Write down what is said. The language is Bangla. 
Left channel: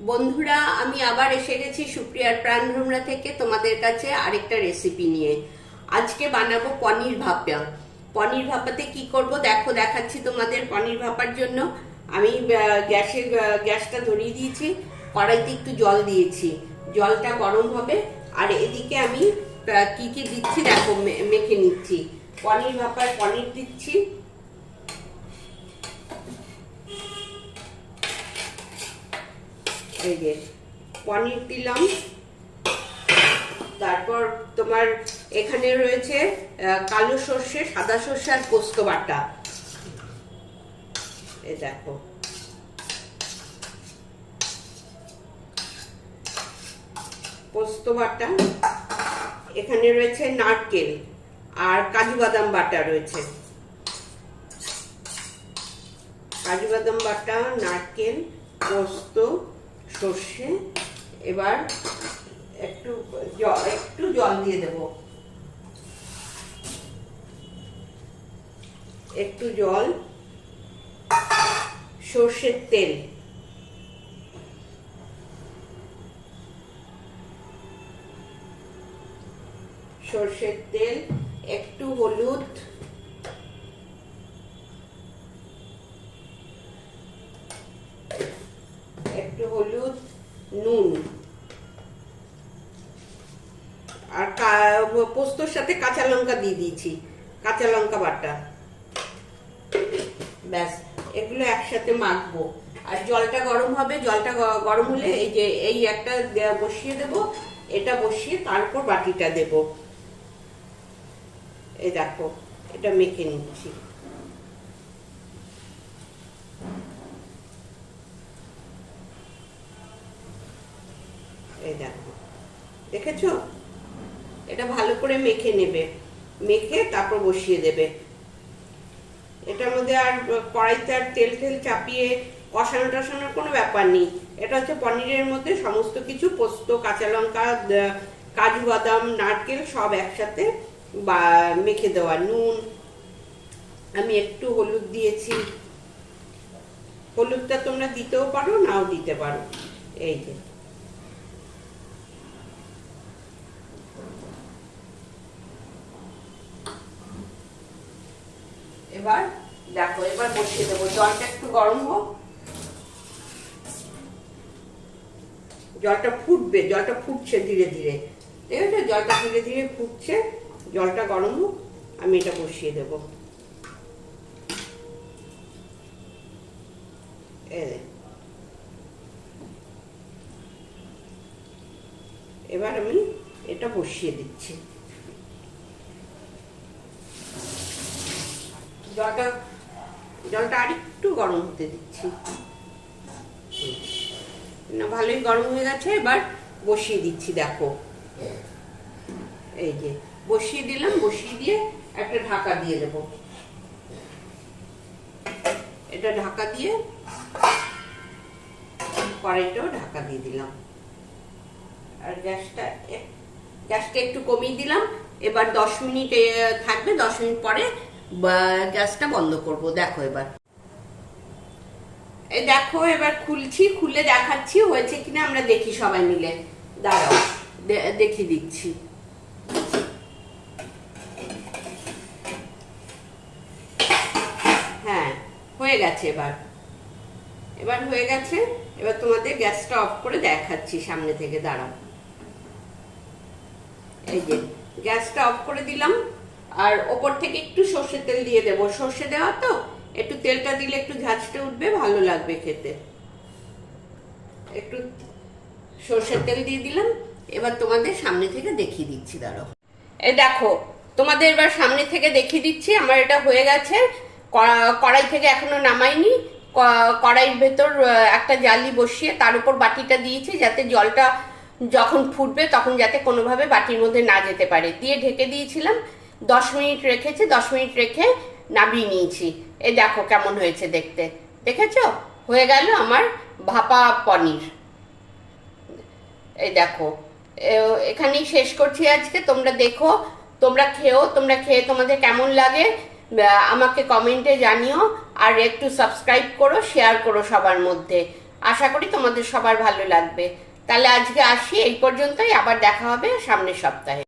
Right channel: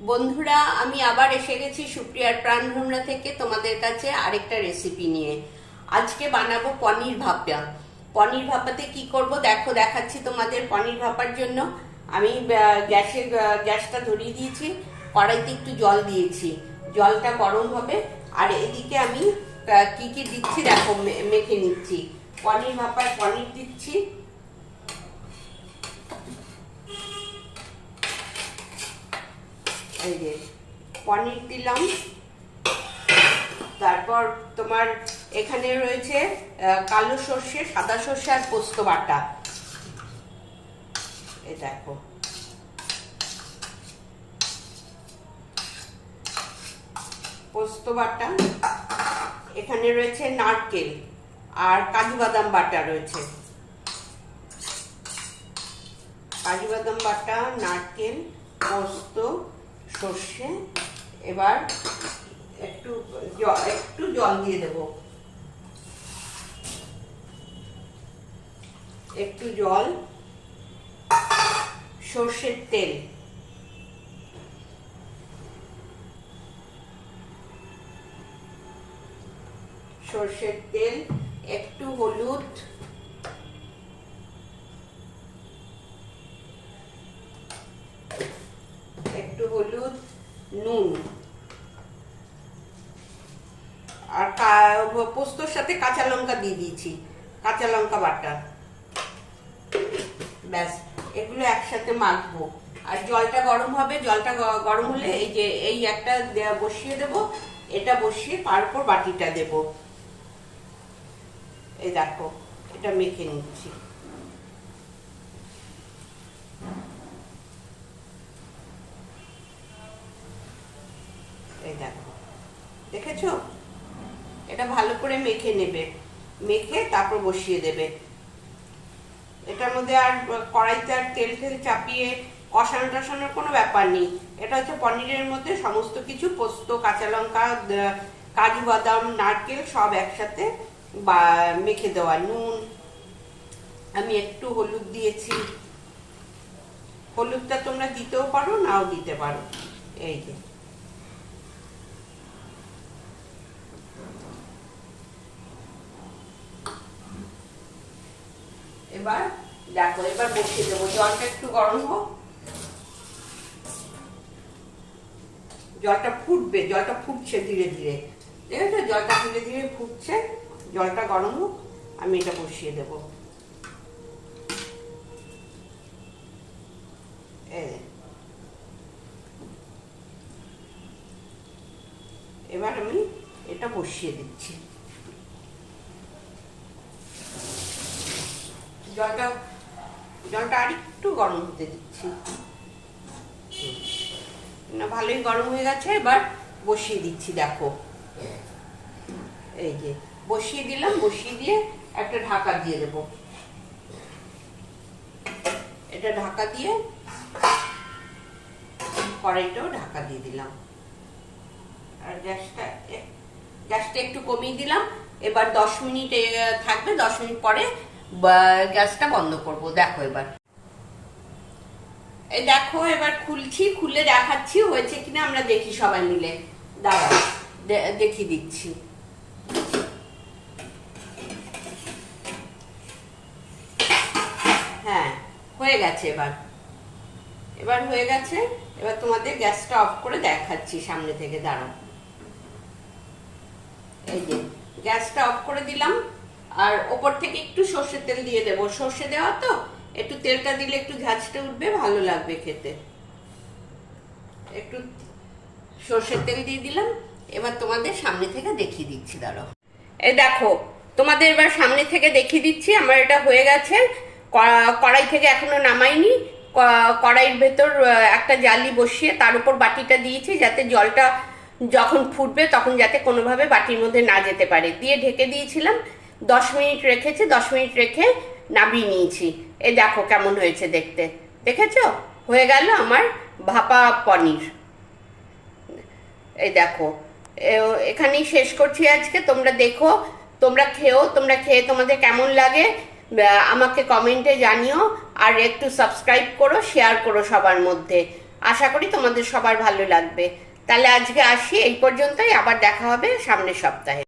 বন্ধুরা, আমি আবার এসে গেছি সুপ্রিয়ার প্রাণভ্রমরা থেকে তোমাদের কাছে আরেকটা রেসিপি নিয়ে। আজকে বানাবো পনির ভাপা। পনির ভাপাতে কি করব দেখো, দেখাচ্ছি তোমাদের। পনির ভাপার জন্য আমি গ্যাসটা ধরিয়ে দিয়েছি, কড়াইতে একটু জল দিয়েছি, জলটা গরম হবে। আর এদিকে আমি কি কি দিচ্ছি দেখো, মেখে নিচ্ছি। পনির ভাপার পনির দিচ্ছি, এই যে পনির দিলাম। তারপর তোমার এখানে রয়েছে কালো সর্ষে, সাদা সর্ষে আর পোস্ত বাটা। এই দেখো, পোস্ত বাটা। এখানে রয়েছে নারকেল আর কাজু বাদাম বাটা রয়েছে। কাজু বাদাম বাটা, নারকেল, পোস্ত, সর্ষে। এবার একটু জল দিয়ে দেব, একটু জল, সর্ষের তেল, সর্ষের তেল, একটু হলুদ, নুন, আর পোস্তর সাথে কাঁচা লঙ্কা দিয়ে দিয়েছি, কাঁচা লঙ্কা বাটা। ব্যাস, এগুলো একসাথে মাখবো। আর জলটা গরম হবে, জলটা গরম হলে এই একটা বসিয়ে দেব, এটা বসিয়ে তারপর বাটিটা দেব। এই দেখো, এটা মেখে নিচ্ছি। এই দেখো, দেখেছো? এটা ভালো করে মেখে নেবে, মেখে তারপর বসিয়ে দেবে। এটার মধ্যে আর কড়াইতে আর তেল চাপিয়ে কষানো টসানোর কোনো ব্যাপার নেই। এটা হচ্ছে পনিরের মধ্যে সমস্ত কিছু, পোস্ত, কাঁচা লঙ্কা, কাজু বাদাম, নারকেল সব একসাথে মেখে দেওয়া। নুন, আমি একটু হলুদ দিয়েছি, হলুদটা তোমরা দিতেও পারো, নাও দিতে পারো। এই যে এবার দেখো, এবার বসিয়ে দেবো। জলটা একটু গরম হোক, জলটা ফুটবে, জলটা ফুটছে ধীরে ধীরে, ঠিক আছে? জলটা ধীরে ধীরে ফুটছে, জলটা গরম হোক, আমি এটা বসিয়ে দেব। এবার আমি এটা বসিয়ে দিচ্ছি। জলটা আর একটু গরম হতে দিচ্ছি। না, ভালোই গরম হয়ে গেছে। এবার বসিয়ে দিচ্ছি, দেখো। এই যে বসিয়ে দিলাম, বসিয়ে দিয়ে একটা ঢাকা দিয়ে দেব। এটা ঢাকা দিয়ে কড়াইটাও ঢাকা দিয়ে দিলাম। আর গ্যাসটা একটু কমিয়ে দিলাম। এবার 10 মিনিট থাকবে, 10 মিনিট পরে গ্যাসটা বন্ধ করব। দেখো এবার, এই দেখো, এবার খুলছি, খুলে দেখাচ্ছি হয়েছে কিনা। আমরা দেখি সবাই মিলে, দাঁড়াও দেখিয়ে দিচ্ছি। হ্যাঁ, হয়ে গেছে। এবার হয়ে গেছে। এবার তোমাদের গ্যাসটা অফ করে দেখাচ্ছি সামনে থেকে, দাঁড়াও। এই যে গ্যাসটা অফ করে দিলাম। আর ওপর থেকে একটু সর্ষের তেল দিয়ে দেবো। সর্ষে দেওয়া তো, একটু তেলটা দিলে একটু ঝাঁঝটা উঠবে, ভালো লাগবে খেতে। একটু সর্ষের তেল দিয়ে দিলাম। এবার তোমাদের সামনে থেকে দেখিয়ে দিচ্ছি, দাঁড়াও। এই দেখো, তোমাদের এবার সামনে থেকে দেখিয়ে দিচ্ছি। আমার এটা হয়ে গেছে। কড়াই থেকে এখনো নামাইনি। কড়াইয়ের ভেতর একটা জালি বসিয়ে তার উপর বাটিটা দিয়েছি, যাতে জলটা যখন ফুটবে তখন যাতে কোনোভাবে বাটির মধ্যে না যেতে পারে, দিয়ে ঢেকে দিয়েছিলাম। 10 মিনিট রেখেছি, 10 মিনিট রেখে নামিয়ে নিয়েছি। এই দেখো কেমন হয়েছে দেখতে, দেখেছো? হয়ে গেল আমার ভাপা পনির। এই দেখো, এখানেই শেষ করছি আজকে। তোমরা দেখো, তোমরা খেও, তোমরা খেয়ে তোমাদের কেমন লাগে আমাকে কমেন্টে জানিও। আর একটু সাবস্ক্রাইব করো, শেয়ার করো সবার মধ্যে। আশা করি তোমাদের সবার ভালো লাগবে। তাহলে আজকে আসি এই পর্যন্তই, আবার দেখা হবে সামনের সপ্তাহে।